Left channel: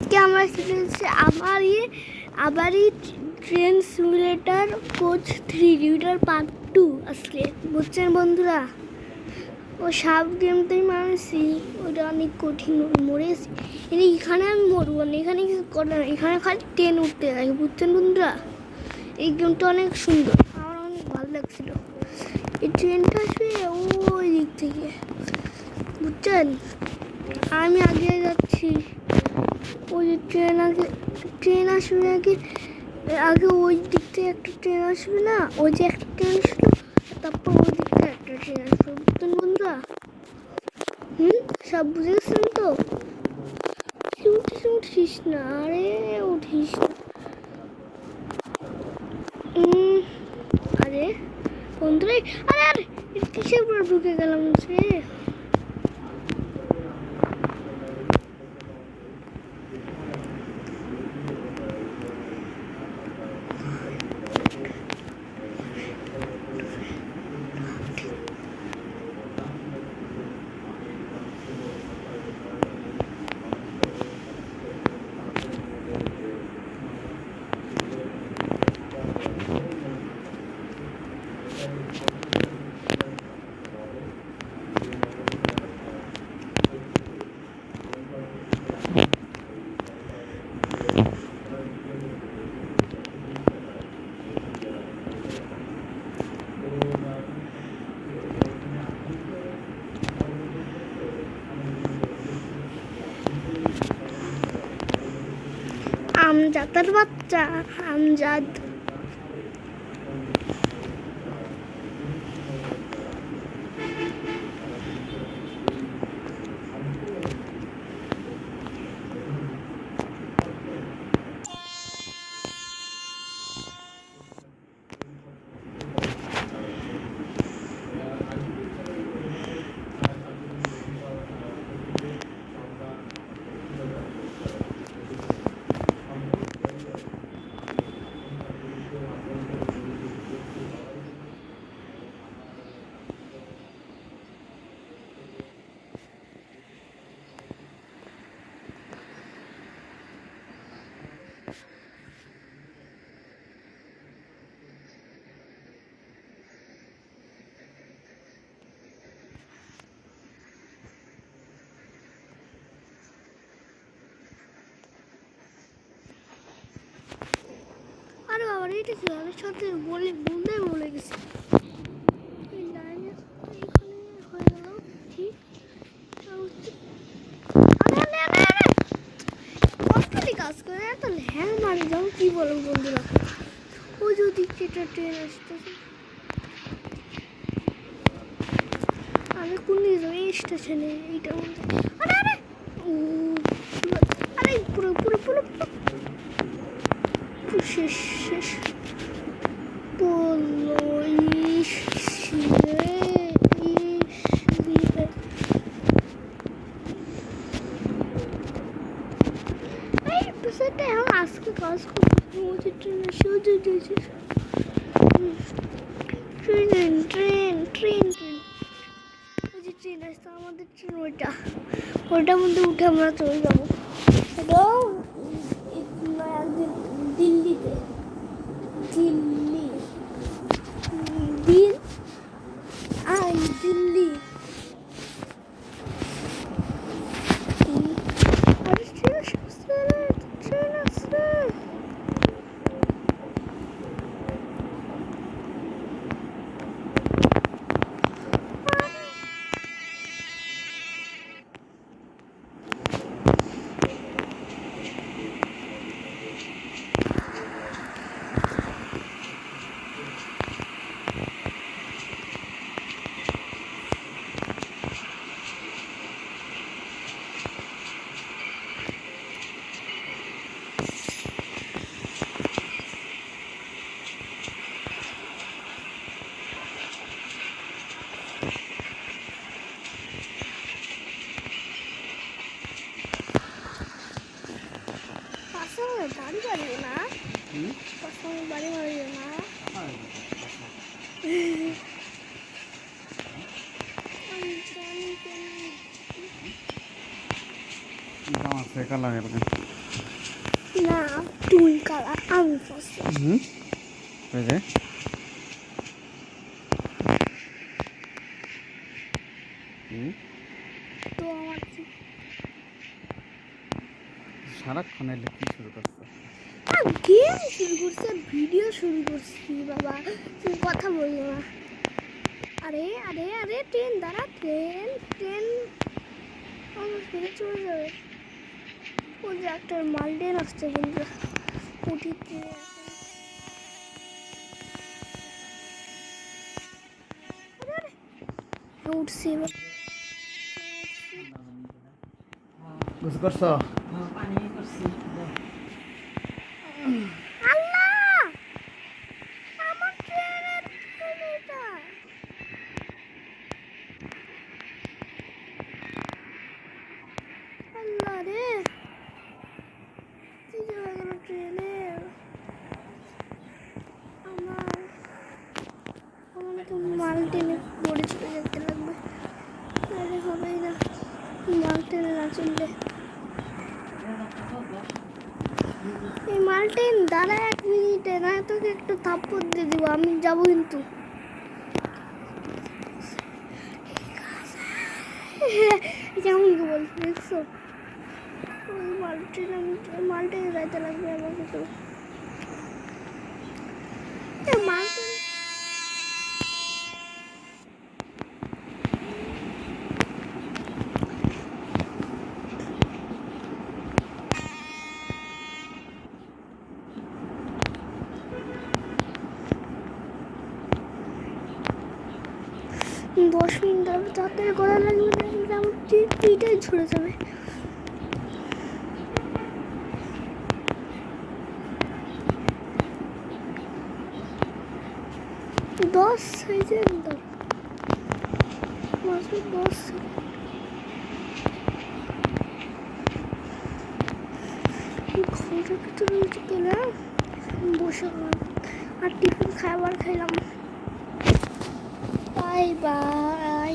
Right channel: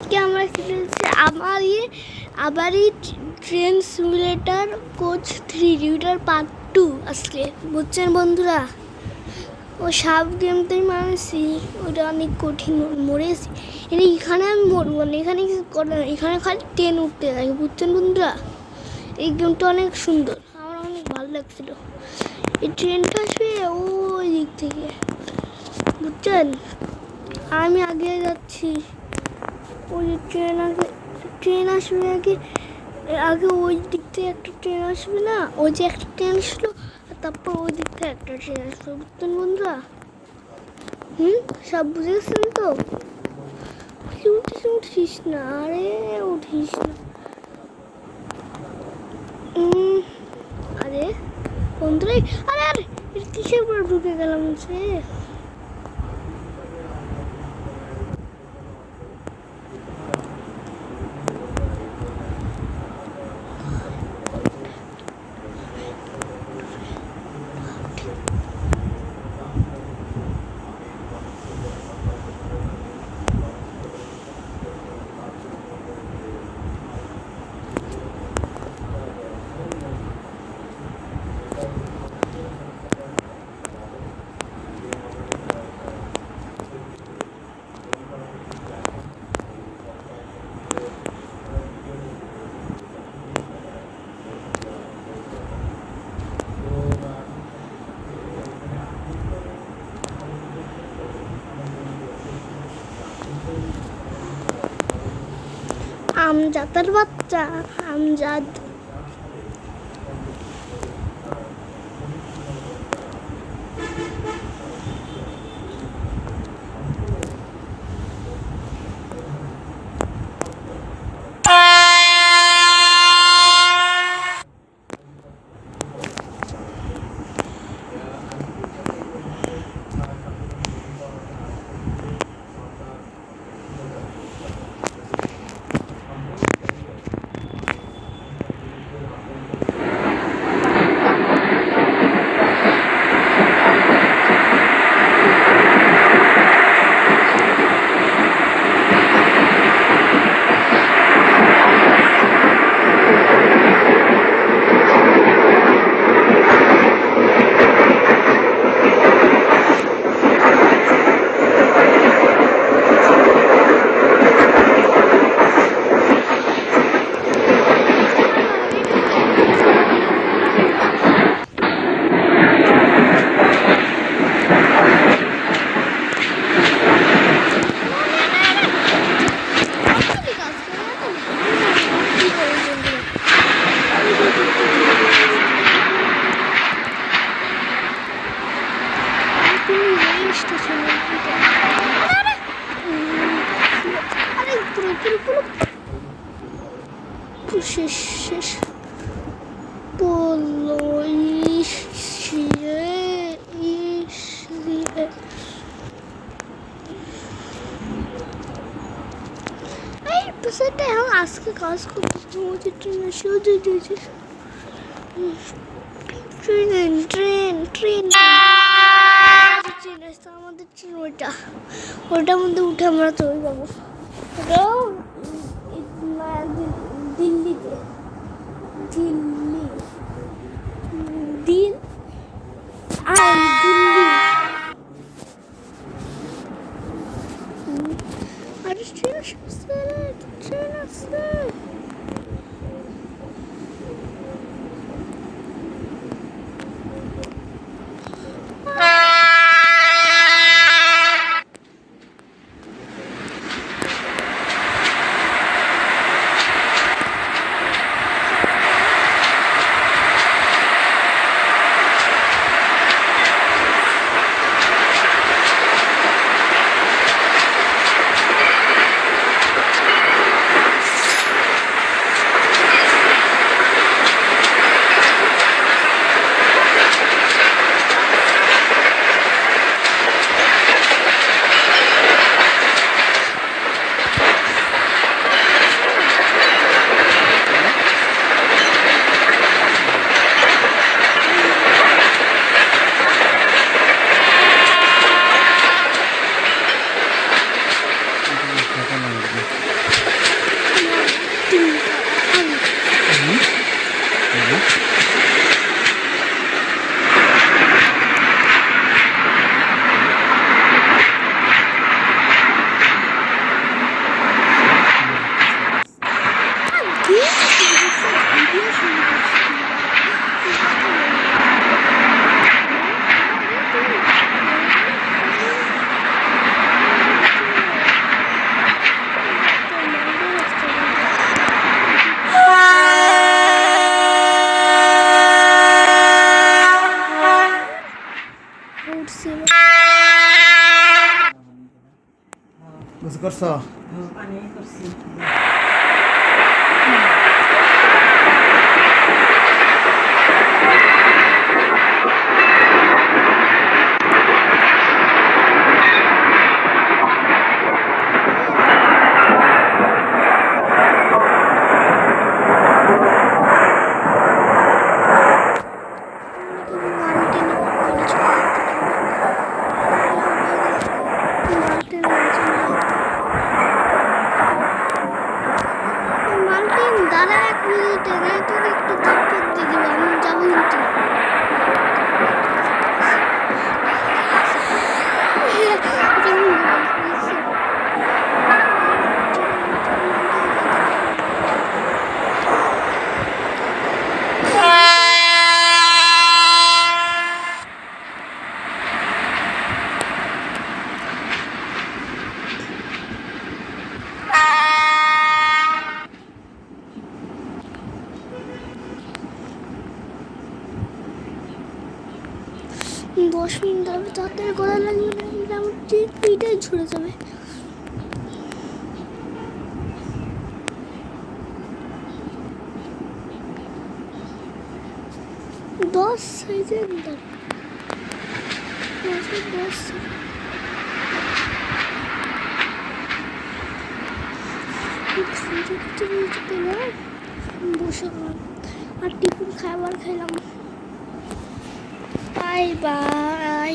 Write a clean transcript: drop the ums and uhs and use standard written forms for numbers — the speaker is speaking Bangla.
আজকে আমরা খেলেছি আবারই train simulator coach 3 reader part 2 আজকে বুঝছেন বন্ধুরা। ও সাপ গেমটাই মারছি, ওটা অনেক কঠিন, মরেছি। এখানে আমি মরবো না, এখানে কিছু করে না, এখানে খালি ট্রেন উঠতে থাকে বুঝছেন বন্ধুরা। এই গেমটা অনেক সুন্দর, আমার অনেক ভালো লাগছিল। এই ট্রেনটা আসবে ওই দিক থেকে বুঝছেন, আমি আগে যাচ্ছি। ওই ট্রেন আসবে আগে ওই দিক থেকে একটা ট্রেন আসবে না, ওই যে একটা ট্রেন আসলো, তারপর ওই দিক থেকে একটা ট্রেন আসবে বুঝছেন বন্ধুরা। সব বুঝে গেছেন তো? উঠিস না, আরে উঠিস না। আরে বন্ধুরা, আরে আরে কিসের পর ঢুকে গেলাম সে। আমজাদের বাচ্চা আমজাদ। শেষ বললো আজকে কাজ করতে ট্রেন আসছে আমাদের ট্রেন, ওইটার মধ্যে উঠে আমরা চলে যাবো দিল্লিতে। দিল্লি দিন আর দিল্লি আর ট্রেন আসছে। না তিন কালার আমি ভিডিও শুরু করছি বাবা তুই কথা বলি উঠছি বুঝ করছো মাল্টিন দাঁড়া 1 মিনিটে না তোকে একটু থাপ্পড় দিয়ে দিব আমি যাবো কিন্তু কেমন বলছিস দশ মিনিট ধরে তাড়াতাড়ি করা লাগবে না আমার পিঠে ঝরে যাবে দশ সাইজের দরকার 10 বসে আর টিফিন খাবার খাইলাম বাই বাই